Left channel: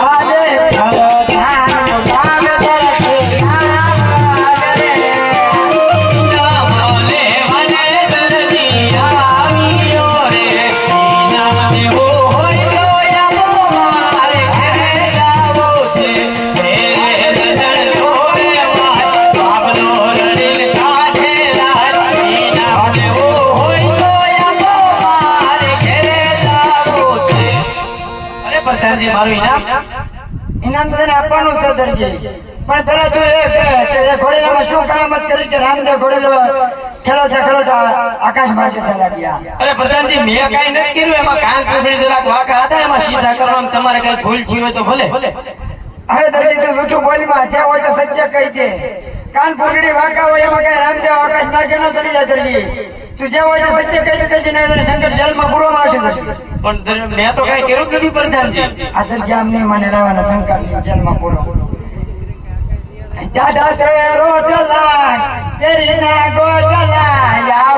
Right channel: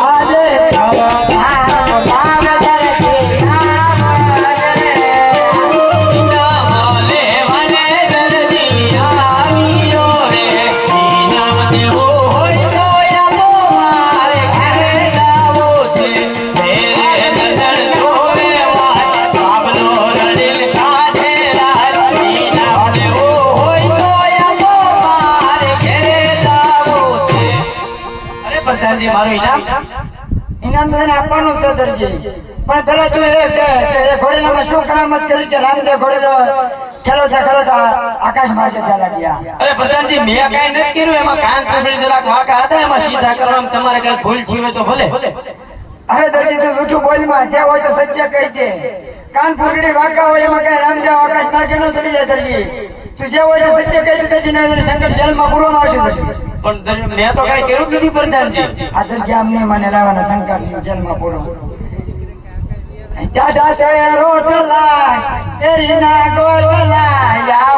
આજે અરે પ્રધાનજી મારું ઇનામ ઇનામ તો એને આપવાનું છે. દરજી પણ પેલા તું એ ઘોડેલામાં શું કરામત કરી કે રામદેવ ઘોડેલો? ખેલો છે ખેલો છે આકાશ માર્ગે ચાલા ગયા. અરે પ્રધાનજી મેં કઈ નથી કર્યું. એમાં કાન કસડી જરાક વાંકા હતા એમાં સીધા કરવામાં તમારે કઈ ભૂલ થઈ હોય તો ભલે. અરે દરજી તું જૂઠું બોલમાં જે હોય તો સત્ય કહી દે. કાન ફૂટડી વાંકા હોય એમાં કઈ રામદેવ આકાશ માર્ગે ન ચડી જાય દરજી તું જે હોય સત્ય દે દરજી નહીં શંકર જેલમાં પૂરવામાં કઈ આ દરજી આમને મને લાવવાના શંકર જેલમાં પૂરો. દાદા ના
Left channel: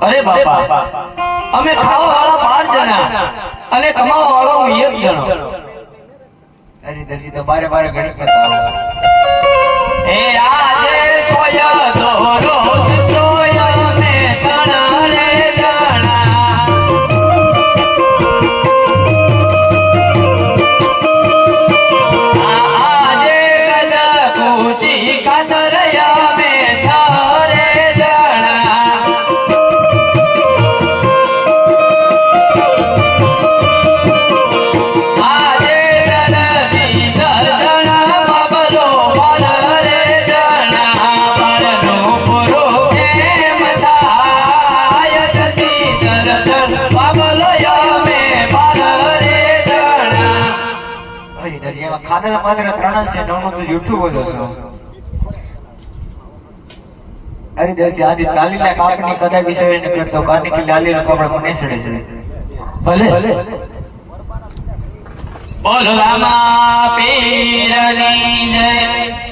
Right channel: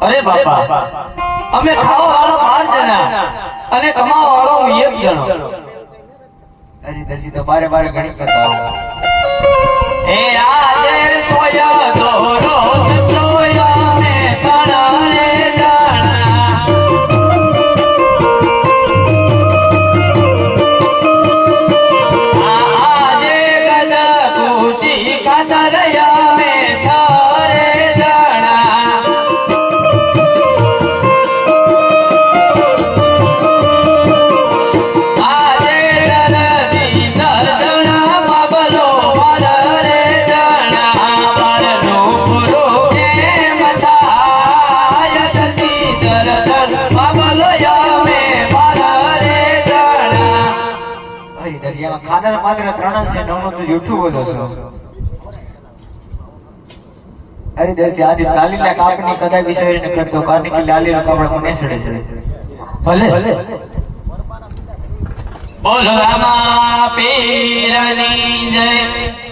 અરે બાપા, અમે ખાવા વાળા બાર જણા અને કમાવા વાળો હું એક જણો. અરે દર્શી તો બારે બારે ઘણી કરતા હે આજે સોયા દોરો અરે માત્ર ત્રણસે નવનું તો છો અરે દરજી, આજે તાલીલા કાપની કદાચ વિષય ન કરતો, કારણ કે લાલી કપડા મને સડે છે. ભલે. બોલ રામા પીરની જય.